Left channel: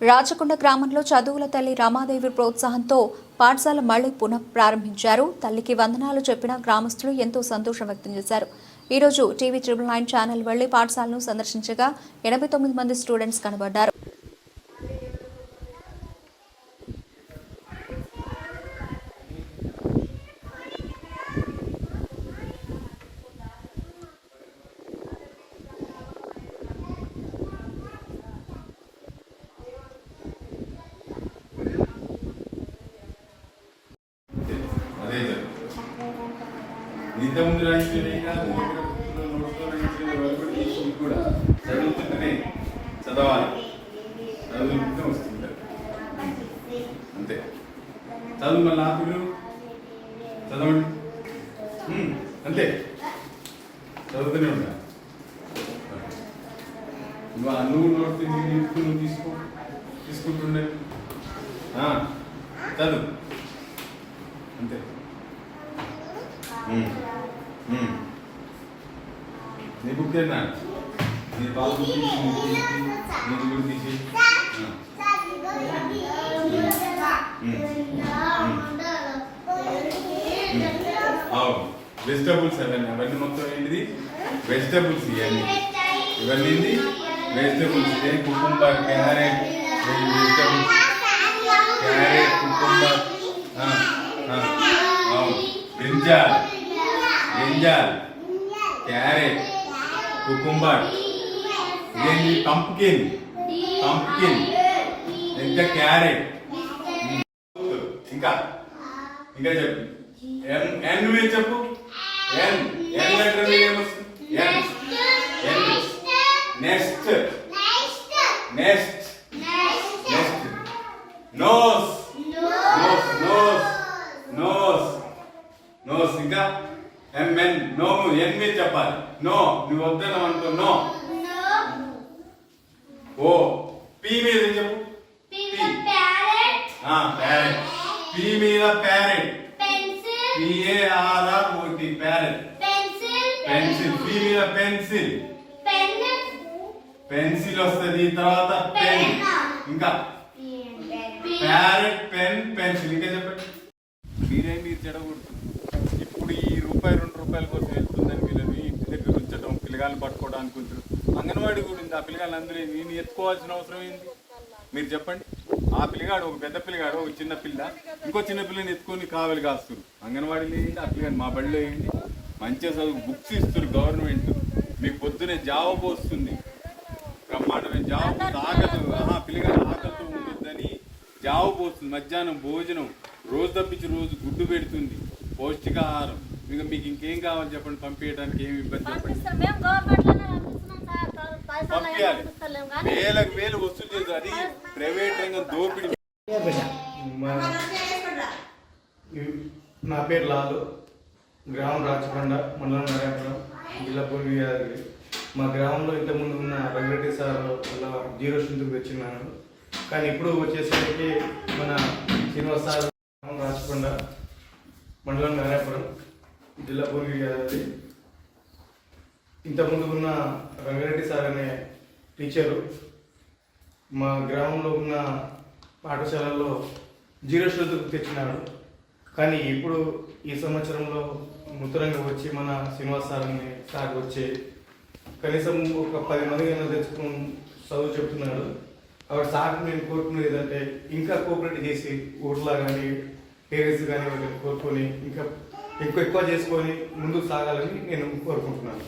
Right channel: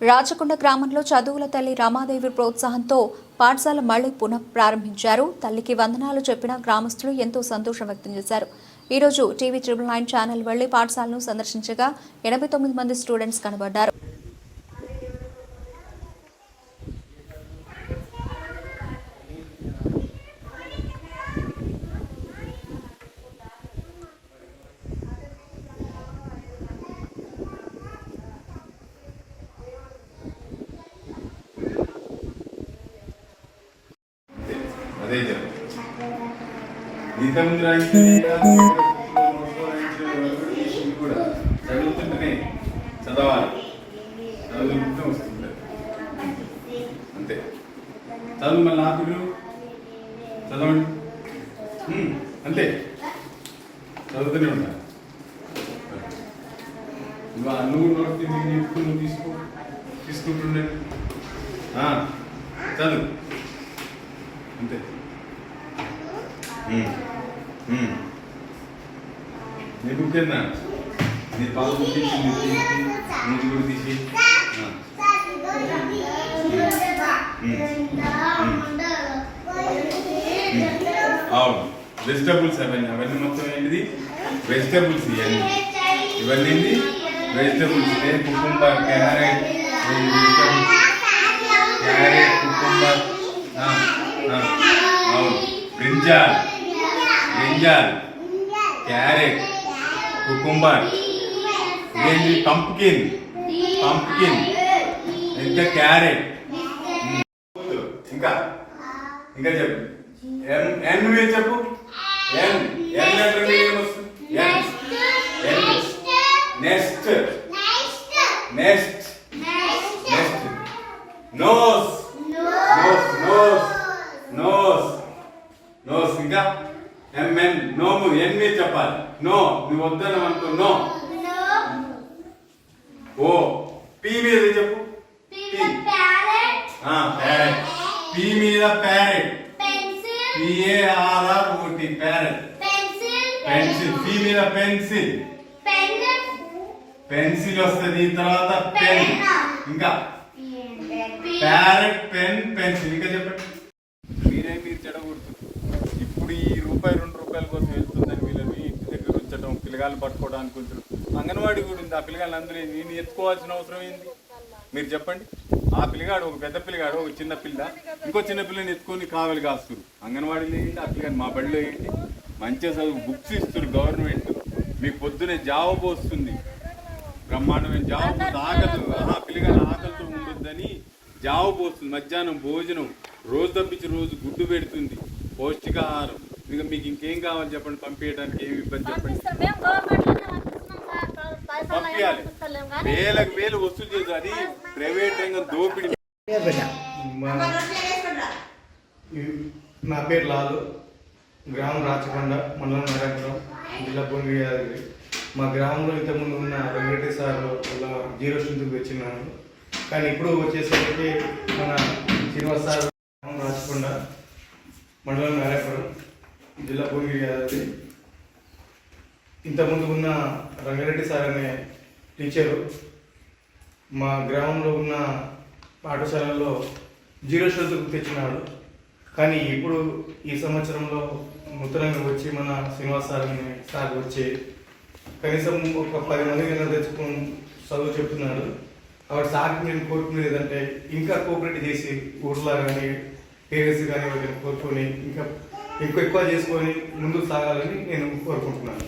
రాచకొండ గ్రామంలో చదువుల తల్లి రమాదేవి ప్రోత్సాహంతో పాఠశాల మళ్ళీ పునః ప్రారంభించారు తల్లికి వందనాలు చెప్పిన గ్రామస్తులు ఎంతో సంతోషం వ్యక్తం చేశారు. ఈ రోజు టీవీ ట్రిపుల్ నైన్ ఛానల్ వెళ్ళి పాఠశాలను సందర్శించగా ఎనభై తొమ్మిది మంది స్టూడెంట్స్ కనబడ్డారు అదే చెప్పు నిజం గ్రహించిన నోట్లో కూడా చదువుతుంటేనే చదవాలి. చదువుతుంటే వస్తుంది. అంతే. చదువు మళ్ళీ ఆకులు చదవండి. అంతే. చదువుతూనే ఉండాలి నువ్వు ఆ నువ్వు నోట్ నింపుకు నువ్వు తీసుకో. తీసుకుంటుండే. చదువు. అంతే. నీకు గుర్తేనా నీ పాలు తీసి నీ తీసి నీకు కూడా తీసి. అవును వెజిటబుల్స్ అవన్నీ అవన్నీ మొత్తం ఏంటిది? వెజిటబుల్స్ ఇవన్నీ ఇవన్నీ ఏంటి? Vegetables cucumber carrot vegetables carrot cucumber అవును. బ్రింజాల్. Brinjal carrot cucumber. ఇదేంటి పంప్కిన్. పంప్కిన్. ఇంకా క్యారెట్. ఇంకా. ఇంకా చెప్పు. ఎన్ ఎన్ మీద చెప్పు? ఎన్. ఎన్ లెటర్ ఏమొస్తుంది N. N. Next. Next. Next. Nose. Nose nose. Nose. Nose. ఇంకా? ఎంఎన్ నోము ఎన్ మీద చెప్పాలి? నో నువ్వు వద్దనం అనుకో నో ఓ పి మీద చెప్పు? ప్యారెట్ పి మీద parrot P A R R O T parrot pencil P మీద పెన్సిల్ పెన్సిల్ వస్తుంది తర్వాత పెన్ ఇంకా. ప్యారెట్ పెన్ పెన్సిల్ ఇంకా చెప్పండి. మీరే మీరు చెడగొడుతుంది ఇప్పుడు ఈ రూపాయి రెండు రూపాయల కోసం వెళ్తుందని వీళ్ళని ఇంటి దగ్గర ఉంచడం పిల్లగాలను పట్టుకోవడానికి ఉంచడం అంగన్వాడీ కూడా ఉంది. ఆ పిల్లగాళ్ళు అందరూ నేను ఎత్తుకోవాల్సిన అవసరం ఏంది? మీరు చెప్పండి. ఆ పిల్లగాడు ఒక పెద్ద పిల్లగాడు ఒక చిన్న పిల్ల. ఇంకో చిన్న పిల్లని ఎత్తుకొని కావలి కాస్తురు. అంగన్వాడీలో ఏంటి ఆ పిల్లని మా బడిలో ఏంటి మంచిగా చదువు బుక్స్ ఇస్తారు గవర్నమెంట్. మీకు పొద్దునే జాబ్ వస్తుంది బ్రహ్మాండమైన జాబ్ ఆకలి ఆ పిల్లగాడు ఆకలితో ఉంటుందని జాబ్ పోస్తుంది. మధ్యాహ్నం భోజనం. రోజు తప్పించి రోజు గుడ్డు పెడుతుంది. పౌష్టికాహారం. ఇంకా మీకు ఇంకేం కావాలి చెప్పండి? పంపించడానికి ఏమి ఇబ్బంది చెప్పండి. పంపించాలి. వేలకు వేలు వసూలు చేయదు అది ప్రైవేట్ రంగం దోపిడీ. నా పేరు లాలు. గ్రామం రాచకొండ మండలం నారాయణపురం జిల్లా యాదగిరి. మా గ్రామంలో ఇంతకుముందు ఉన్న వెంకటేశ్వర సార్ వల్ల జీరో స్ట్రెంత్కి వచ్చినాను కానీ ఇప్పుడు వచ్చేసరికి మన శ్రీనివాస్ సార్ గ్రామం రాచకొండ మండలం నారాయణపురం జిల్లా భువనగిరి యాదగిరి ఇంతకుముందు ఉన్న రంగారెడ్డి సార్ అనే టీచరు మా గ్రామంలో ఉన్న పాఠశాలల్లో జీరో స్ట్రెంత్కు తెచ్చినాడు. కానీ ఇప్పుడు ఈ సంవత్సరంలో నూతనంగా వచ్చి మన శ్రీనివాస్ సార్ అనే సార్ వచ్చి కనీసం ఒక పది మంది కన్నా తెచ్చుకుని చదువు చెప్తున్నాడు. కాబట్టి సార్కి నేను కోరుకునేది ఏంటంటే ఇంకా కోఆపరేట్ చేసి ఊర్లో కానీ పేరెంట్స్ కానీ వాళ్ళని కోరుకొని ఇంకా ఎక్కువ ఎక్కువ చేసుకొని ముందుకు సాగాలని నేను కోరుకుంటున్నాను.